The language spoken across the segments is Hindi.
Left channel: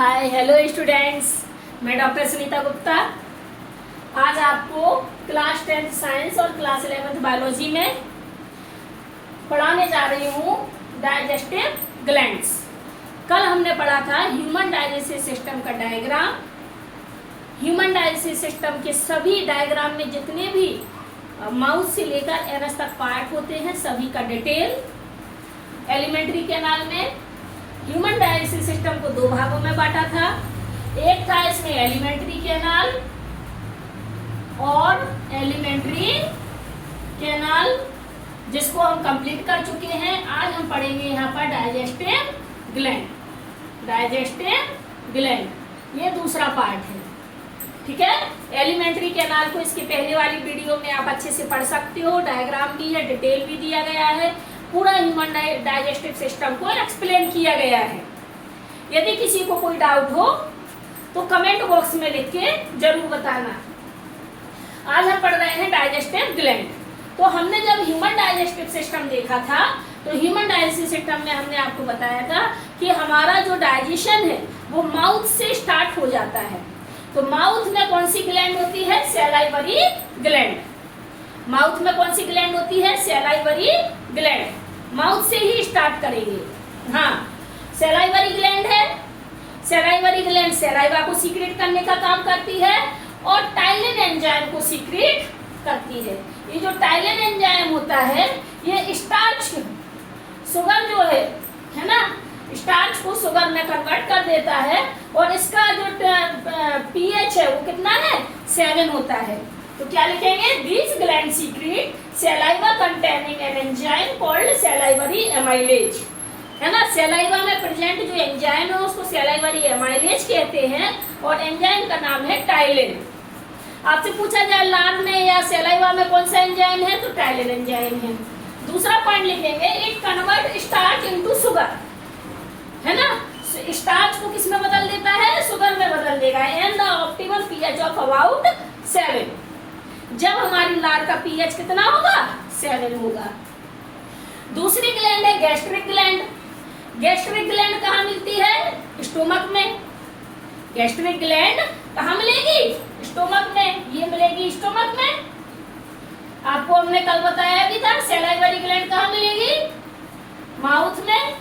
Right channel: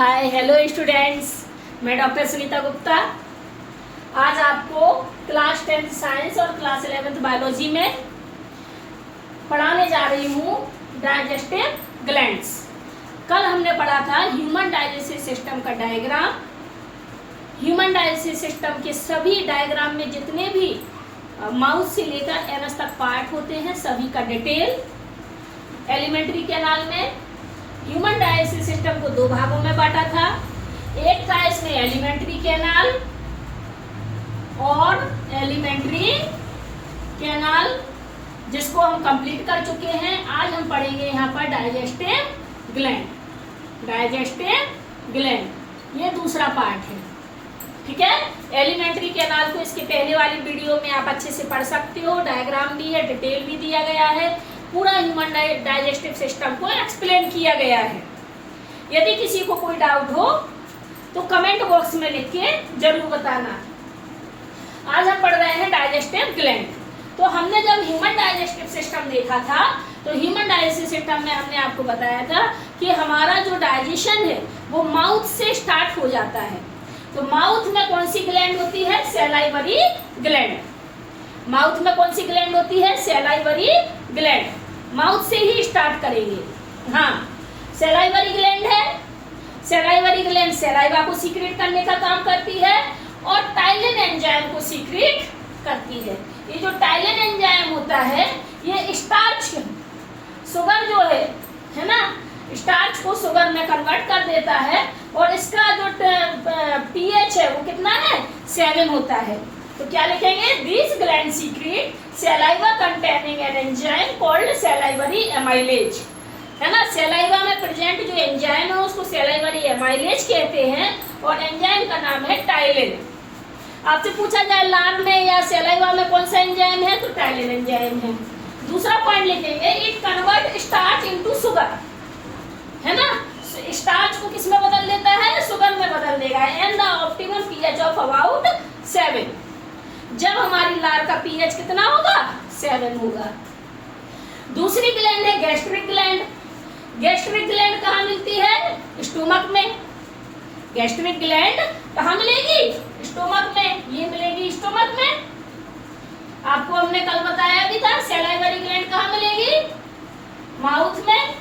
हाय हेलो स्टूडेंट्स, मैं डॉक्टर सुनीता गुप्ता आज आपको क्लास 10th साइंस और क्लास 11th बायोलॉजी में पढ़ाने जा रही हूँ डाइजेस्टिव ग्लैंड्स। कल हमने पढ़ा था ह्यूमन डाइजेस्टिव सिस्टम का डायग्राम। ह्यूमन डाइजेस्टिव सिस्टम के सभी डायग्राम में जितने भी माउथ से लेकर एनस तक पार्ट होते हैं सभी का डिटेल। एलिमेंट्री कैनाल में ह्यूमन डाइजेस्टिव सिस्टम को दो भागों में बांटा था। एक था इसमें एलिमेंट्री कैनाल और एलिमेंट्री कैनाल जिसको हम कंप्लीट कर चुके हैं। आज हम पढ़ेंगे यहाँ पर डाइजेस्टिव ग्लैंड। डाइजेस्टिव ग्लैंड ये दूसरा पार्ट है, ठीक है। एलिमेंट्री कैनाल को इसके पहले वाली वीडियो में आप अच्छे से पढ़ सकते हो, डायग्राम भी है, डिटेल भी दिया गया है, पूरा ह्यूमन डाइजेस्टिव सिस्टम को एक्सप्लेन किया गया है। यदि किसी को कोई डाउट हो तो कमेंट बॉक्स में लिख के जरूर बताना। आज हम पढ़ रहे हैं डाइजेस्टिव ग्लैंड। तो हमने जब ह्यूमन डाइजेस्टिव सिस्टम देखा था तो ह्यूमन डाइजेस्टिव सिस्टम में हमने आपको बताया था कि हमारा जो डाइजेशन है वो माउथ से स्टार्ट हो जाता है। तो माउथ में कौन सी ग्लैंड होती है? Salivary gland. माउथ में कौन सी ग्लैंड होती है? Salivary gland. माउथ से ही स्टार्ट करेंगे। हाँ, सैलाइवरी ग्लैंड है। सैलाइवरी ग्लैंड सैलाइवा को सीक्रेट करने का काम करती है और टाइलिन एंजाइम को सीक्रेट करती है। ये जो टाइलिन एंजाइम होता है ये स्टार्च शुगर जो है ना, स्टार्च को शुगर में कन्वर्ट कर देता है और इसका जो पीएच है वो कितना है? 7 होता है। तो क्या लिखेंगे? This gland secret saliva containing an enzyme called salivary amylase, है ना। सैलाइवा में प्रेजेंट जो एंजाइम है उसको सैलाइवरी एमाइलेज कहते हैं और एंजाइम का नाम है टाइलिन। आपसे पूछा जाए लार में या सैलाइवा में कौन सा एंजाइम है तो टाइलिन एंजाइम है। दूसरा पॉइंट लिखेंगे, it convert starch into sugar, है ना। स्टार्च को किस में बदल देता है? शुगर में बदल देगा। And the optimal pH of about 7। जब हमारी लार का पीएच कितना होगा? 7 होगा। दूसरी ग्लैंड है गैस्ट्रिक ग्लैंड। गैस्ट्रिक ग्लैंड कहाँ मिलती है? स्टोमक में। गैस्ट्रिक ग्लैंड कहाँ मिलेगी? स्टोमक में। ये मिलेगी स्टोमक में। आपको हमने कल बताया भी था सैलाइवरी ग्लैंड कहाँ मिलेगी? माउथ में।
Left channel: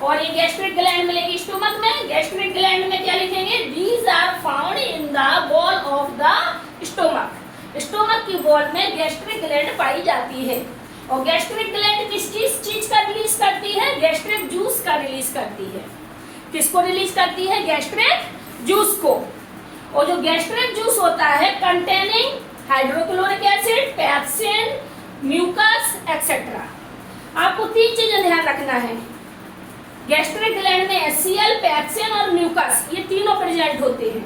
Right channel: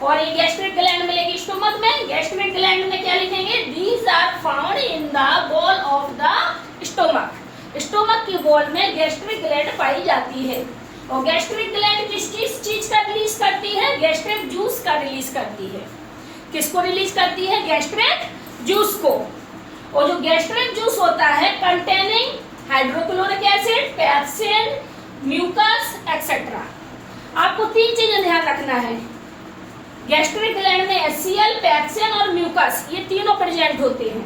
और ये गैस्ट्रिक ग्लैंड मिलेगी स्टोमक में। गैस्ट्रिक ग्लैंड में क्या लिखेंगे? These are found in the wall of the stomach. Stomach की वॉल में गैस्ट्रिक ग्लैंड पाई जाती है। और गैस्ट्रिक ग्लैंड किस चीज का रिलीज करती है? गैस्ट्रिक जूस का रिलीज करती है। किसको रिलीज करती है? गैस्ट्रिक जूस को। और जो गैस्ट्रिक जूस होता है containing hydrochloric acid, pepsin, mucus etcetera. आपको 3 चीजें ध्यान रखना है। गैस्ट्रिक ग्लैंड में HCl, पैप्सिन और म्यूकस ये तीनों प्रेजेंट होते हैं।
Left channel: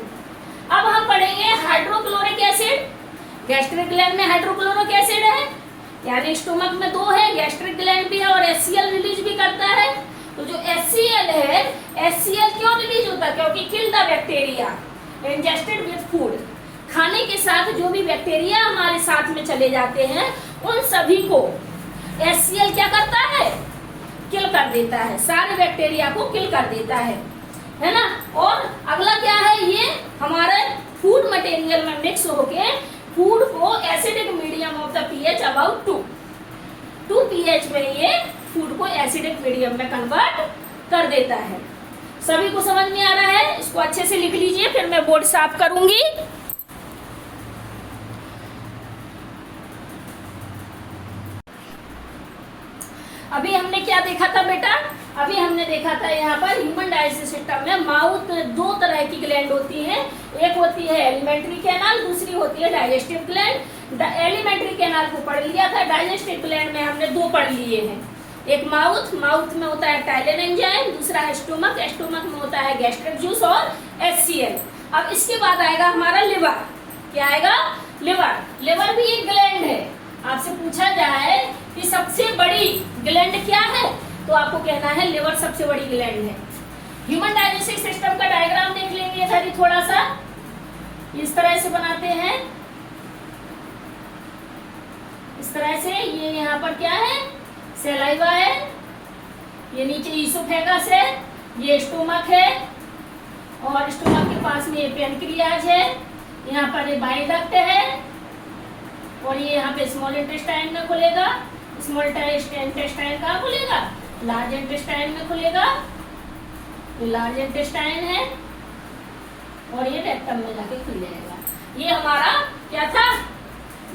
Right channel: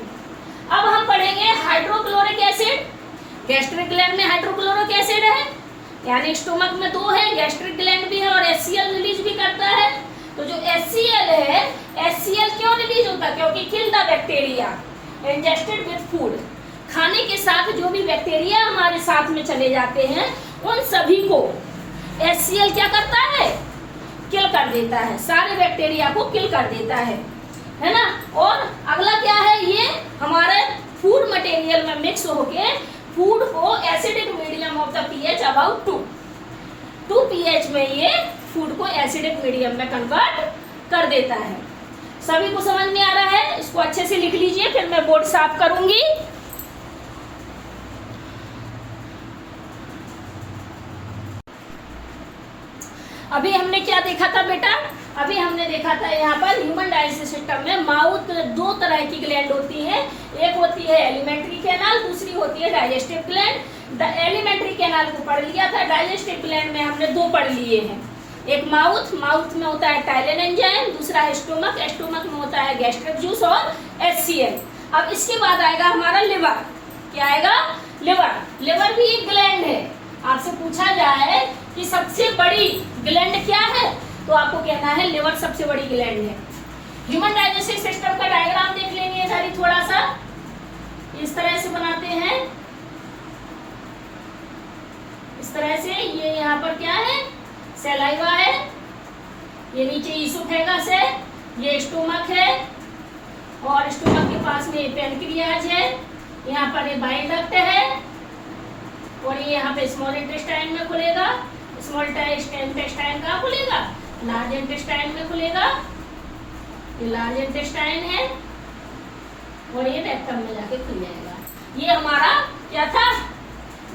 अब हम पढ़ेंगे हाइड्रोक्लोरिक एसिड। गैस्ट्रिक ग्लैंड में हाइड्रोक्लोरिक एसिड है, यानी स्टोमक में 2 है, गैस्ट्रिक ग्लैंड भी है और HCl रिलीज भी करता है। तो जो HCl है, HCl क्यों रिलीज होता है? क्योंकि kill the bacteria ingested with food. खाने के साथ जो भी बैक्टीरिया हमारे साथ में चले जाते हैं उन सभी को HCl क्या करता है? किल कर देता है। सारे बैक्टीरिया को किल कर देता है ना। और अगला क्या है? ये हमारे फूड मटेरियल में मिक्स होके फूड को acidic medium of the pH about 2 pH में ये फूड को एसिडिक मीडियम में कन्वर्ट कर देता है। सभी को समझ में आ रहा है? इसको अच्छे से लिख लीजिए, फिर मैं बोर्ड साफ करूंगी। अभी हमने क्या देखा था बेटा? अभी हमने देखा था यहाँ पर ह्यूमन डाइजेस्टिव सिस्टम में माउथ 2 तरह की ग्लैंड होती है। एक होती है एलिमेंट्री कैनाल, दूसरी होती है डाइजेस्टिव ग्लैंड। एलिमेंट्री कैनाल को पढ़ लिया था, डाइजेस्टिव ग्लैंड में हमने 2 पढ़ लिए हैं। एक माउथ में होता है टाइलिन एंजाइम, दूसरा है स्टोमक में होता है गैस्ट्रिक जूस और HCl। अब इसके बाद आएगा हमारा लिवर। क्या आएगा? लिवर भी एक ग्लैंड है। आपसे पूछा जाए कि सबसे बड़ी ग्लैंड क्या है तो आपको कहना है लिवर सबसे बड़ी ग्लैंड है। ह्यूमन डाइजेस्टिव सिस्टम का डायग्राम देख लेंगे जरा थोड़ा सा। इस तरह से बनाते हैं, इस तरह से। ये यहाँ पर क्या है? सैलाइवा है, ये नीचे ईसोफेगस है, ये स्टोमक है, और स्टोमक के पास में ये पैनक्रियाज है, यहाँ पर ये बाइल डक्ट है और ये यहाँ पे स्मॉल इंटेस्टाइन में खुलेगा। स्मॉल इंटेस्टाइन कहाँ खुलेगा? लार्ज इंटेस्टाइन में खुलेगा। ये लार्ज इंटेस्टाइन है और ये रेक्टम में जाके खुल जाएगा। ये हमारा क्या था?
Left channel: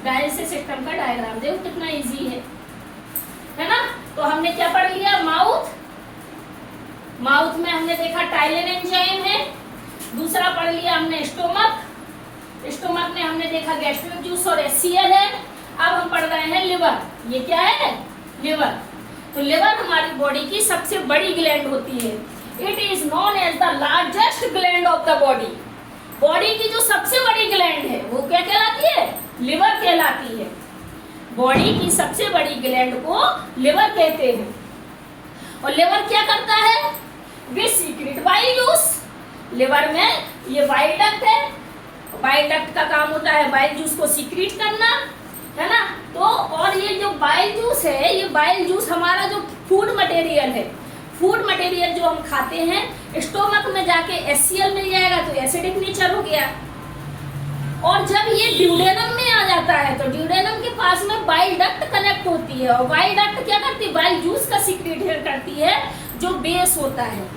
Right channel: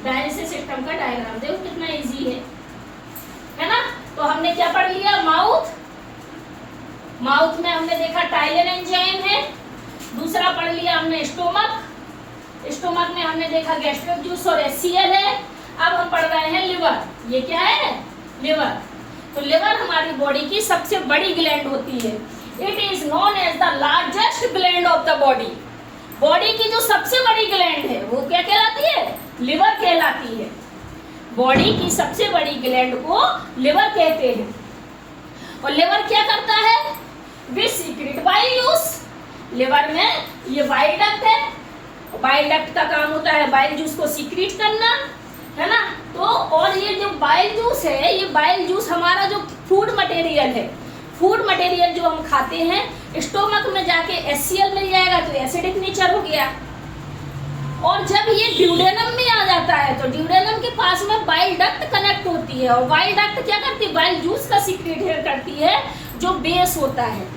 डाइजेस्टिव सिस्टम का डायग्राम। देखो कितना इजी है ना। तो हमने क्या पढ़ लिया? माउथ में हमने देखा टाइलिन एंजाइम है। दूसरा पढ़ लिया हमने स्टोमक में हमने देखा गैस्ट्रिक जूस और HCl है। अब हम पढ़ रहे हैं लिवर। ये क्या है? लिवर। तो लिवर हमारी बॉडी की सबसे बड़ी ग्लैंड होती है। It is known as the largest gland of the body. Body की जो सबसे बड़ी ग्लैंड है वो क्या कहलाती है? लिवर कहलाती है। बॉडी की सबसे बड़ी ग्लैंड को लिवर कहते हैं। और लिवर क्या करता है? We secrete bile juice. Liver में ये बाइल डक्ट है। बाइल डक्ट का काम होता है बाइल जूस को सीक्रेट करना, है ना। तो और ये जो बाइल जूस है, ये बाइल जूस हमारा जो फूड मटेरियल है, फूड मटेरियल जो हम खाते हैं, स्टोमक में जाके HCl मिल जाएगा तो एसिडिक नेचर हो गया। और जब ये ड्यूडेनम में आ जाता है तो ड्यूडेनम के पास में बाइल डक्ट कनेक्ट होती है और बाइल डक्ट क्या करती है? बाइल जूस का सीक्रेट करती है जो बेस होता है।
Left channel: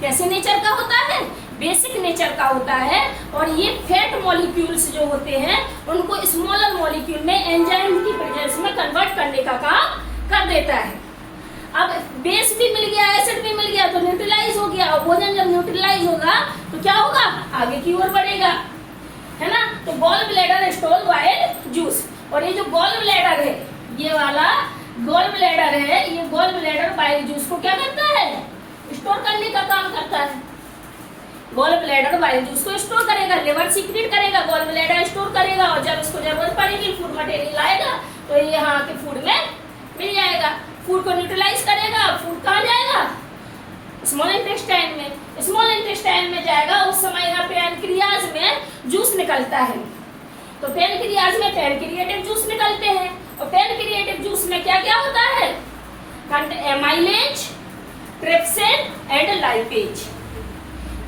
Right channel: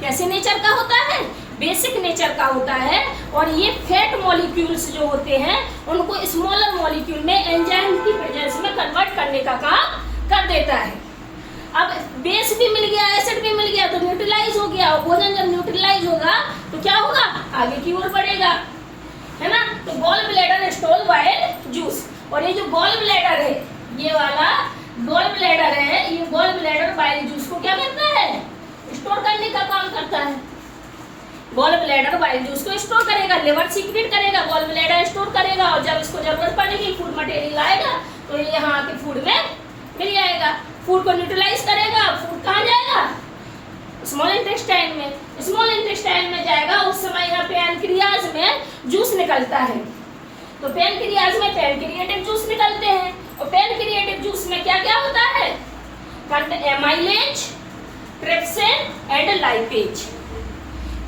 कैसे नेचर का होता है? बेसिक नेचर का होता है। और ये फैट मॉलिक्यूल्स जो होते हैं उनको स्मॉलर मॉलिक्यूल में एंजाइम की प्रेजेंस में कन्वर्ट करने का काम कर देता है। अब बेस भी मिल गया, एसिड भी मिल गया तो न्यूट्रलाइज हो गया। और भोजन जब न्यूट्रलाइज होगा तो क्या होगा? आगे की ओर बढ़ेगा, है ना। तो gall bladder store bile juice. और ये जो गॉल ब्लैडर है, ये वाला गॉल ब्लैडर है, ये गॉल ब्लैडर बाइल जूस को क्या करता है? स्टोर करने का काम करता है। गॉल ब्लैडर बाइल जूस को स्टोर करेगा, लिवर सीक्रेट करेगा, गॉल ब्लैडर स्टोर करेगा और जब इसको जरूरत पड़ेगी फूड मटेरियल आएगा तो ये यहाँ के फूड में मिल जाएगा। फूड को न्यूट्रलाइज करेगा। फूड कहाँ जाएगा? स्मॉल इंटेस्टाइन में। स्मॉल इंटेस्टाइन में जाएगा, उस समय यहाँ पैनक्रियाज में जूस निकलता है। तो पैनक्रियाज में पैनक्रियाटिक जूस निकलते हैं और पैनक्रियाटिक जूस में क्या क्या होता है? Amylase, trypsin and lipase.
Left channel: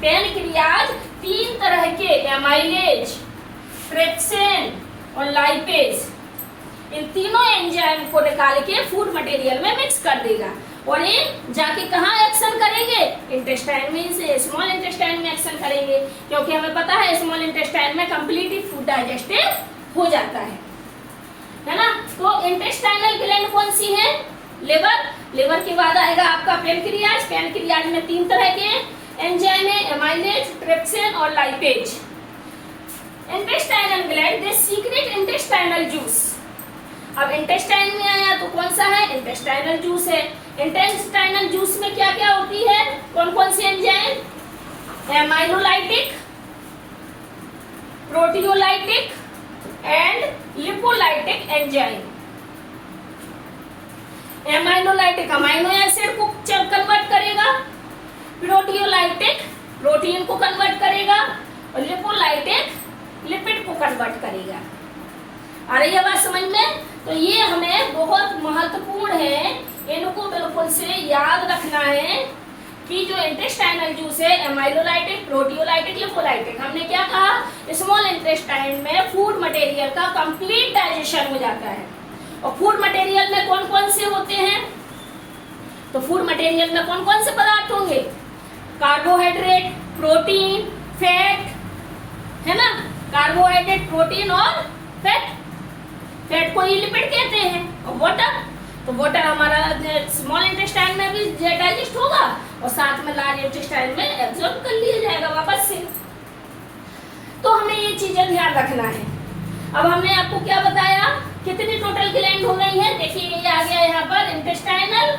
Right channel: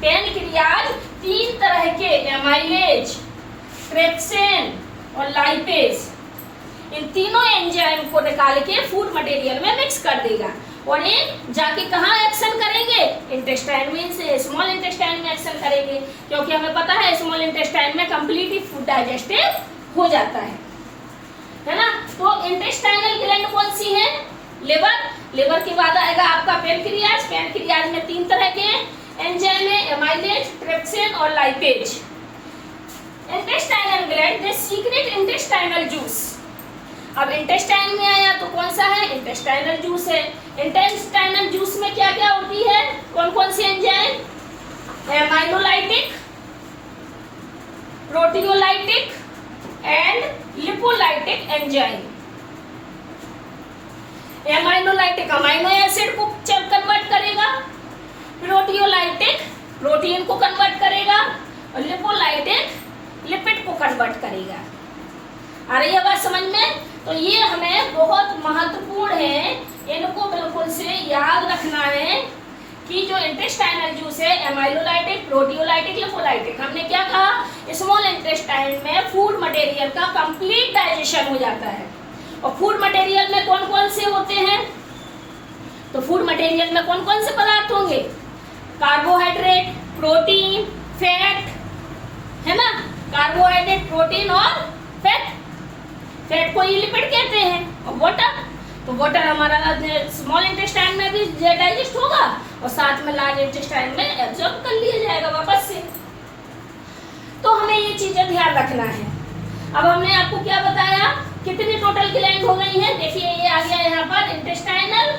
Pancreas 3 तरह के एमाइलेज, ट्रिप्सिन और लाइपेज, इन तीनों एंजाइम को निकाल के फूड मटेरियल में मिक्स कर देगा और ये जाके कहाँ एक्शन करेंगे? इंटेस्टाइन में, से स्मॉल इंटेस्टाइन में एक्शन करेंगे। क्योंकि हमें पता है स्मॉल इंटेस्टाइन में कंप्लीटली फूड डाइजेस्टिव हो जाता है ना। तो इंटेस्टाइनल ग्लैंड कौन सी है? लिवर। लिवर के बाद आएगा आपका पैनक्रियाज। पैनक्रियाज में 3 तरह के एंजाइम है, एमाइलेज, ट्रिप्सिन और lipase. Intestinal gland they secrete intestinal juice. अब इंटेस्टाइन में आया तो कौन सा है? इंटेस्टाइनल जूस है। इंटेस्टाइनल जूस में क्या क्या होती है? कौन कौन सी enzyme? Amylolytic, proteolytic and lipolytic enzyme. Amylolytic amino acid को कन्वर्ट करेगा, प्रोटियोलाइटिक प्रोटीन को कन्वर्ट करेगा और लिपोलाइटिक लिपिड को कन्वर्ट करेगा। आ रही है बात समझ में? तो ये हमें बहुत महत्वपूर्ण है, इनको बिल्कुल से याद रखना है कि जो इंटेस्टाइनल जूस है एमाइलोलाइटिक, प्रोटियोलाइटिक, लिपोलाइटिक। हमने क्या कहा? स्मॉल इंटेस्टाइन में फूड मटेरियल का कंप्लीट डाइजेशन हो जाता है। और फूड मटेरियल में कौन कौन से होते हैं? तो फूड मटेरियल में कौन कौन से पदार्थ होंगे? कार्बोहाइड्रेट, प्रोटीन, फैट, है ना। कार्बोहाइड्रेट, प्रोटीन और फैट। फैट को ये लिपिड कहते हैं। और वाटर, तो वाटर हमारा स्मॉल इंटेस्टाइन में भी डाइजेस्ट होगा और साथ में लार्ज इंटेस्टाइन में एब्जॉर्ब कर लिया जाएगा वापस से। तो हमें ये चीजें ध्यान रखना है। अब हमने आपको क्या बताया? कितनी टोटल ग्लैंड हो गई है? देखिए ये आ गया यहाँ पर इंटेस्टाइनल,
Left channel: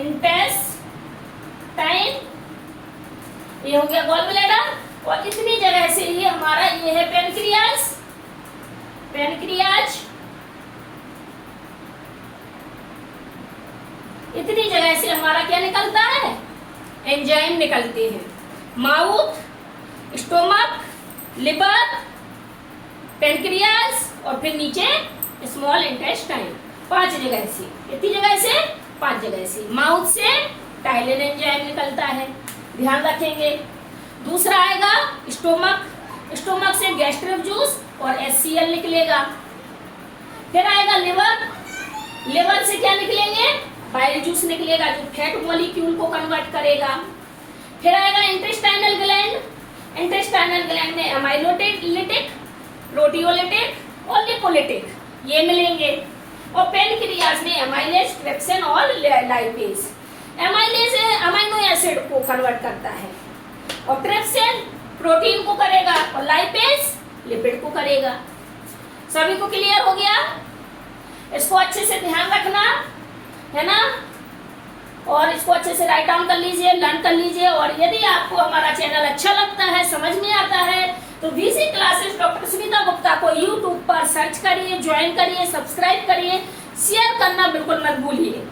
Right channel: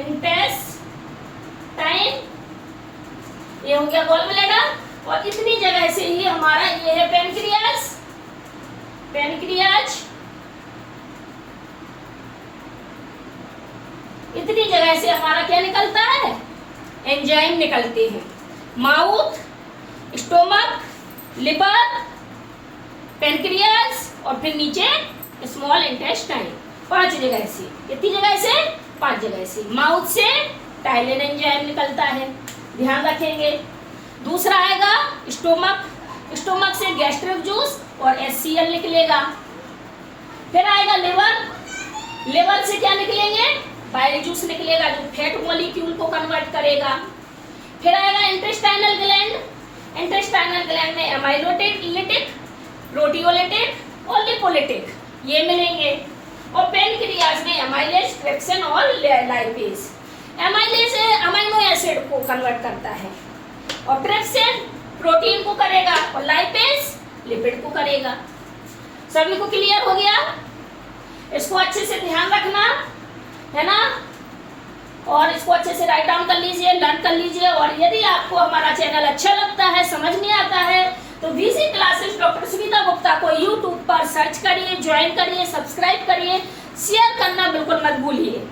इंटेस्टाइन, ये हो गया गॉल ब्लैडर और इतनी जगह से ये हमारा ये है पैनक्रियाज। पैनक्रियाज इतनी जगह से हमारा क्या निकलता है? एंजाइम निकलते हैं। माउथ, स्टोमक, लिवर, पैनक्रियाज और फिर नीचे स्मॉल इंटेस्टाइन। 5 जगह से। कितनी जगह से? 5 जगह से। माउथ से टाइलिन एंजाइम निकलता है, ध्यान रखेंगे। दूसरा आएगा स्टोमक, स्टोमक से गैस्ट्रिक जूस और HCl निकलेगा। फिर आएगा लिवर, लिवर से क्या निकलेंगे, बाइल जूस निकलेगा जो फैट मॉलिक्यूल को कन्वर्ट करेगा। फिर आएगा इंटेस्टाइनल ग्लैंड, इंटेस्टाइनल ग्लैंड में एमाइलोलिटिक, प्रोटियोलिटिक और लिपोलिटिक ये मिलेंगे। और पेनक्रियाज में एमाइलेज, ट्रिप्सिन और लाइपेज। एमाइलेज अमीनो एसिड को कन्वर्ट करता है और ट्रिप्सिन प्रोटीन को करेगा और लाइपेज लिपिड को करेगा। सभी को क्लियर हो गया? इसको अच्छे से ध्यान रखना है ना, और इसको अच्छे से राइट डाउन कर लीजिए, लर्न कर लीजिए। और यदि आपको हमारा चैनल अच्छा लगता है, समझ में आता है, तो VC classes doctor Sunita Gupta को यूट्यूब पर सर्च करिए, ज्वाइन करिए, सब्सक्राइब करिए, शेयर करना बिल्कुल मत भूलिए।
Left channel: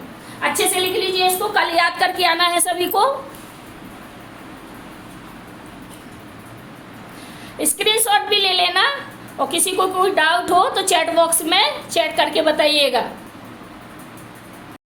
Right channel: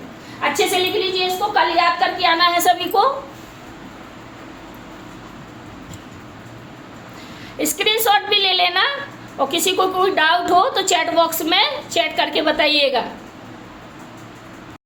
अच्छे से लिख लीजिए, इसको कल याद करके आना है सभी को। स्क्रीनशॉट भी ले लेना और किसी को कोई डाउट हो तो चैट बॉक्स में चैट करके बताइएगा।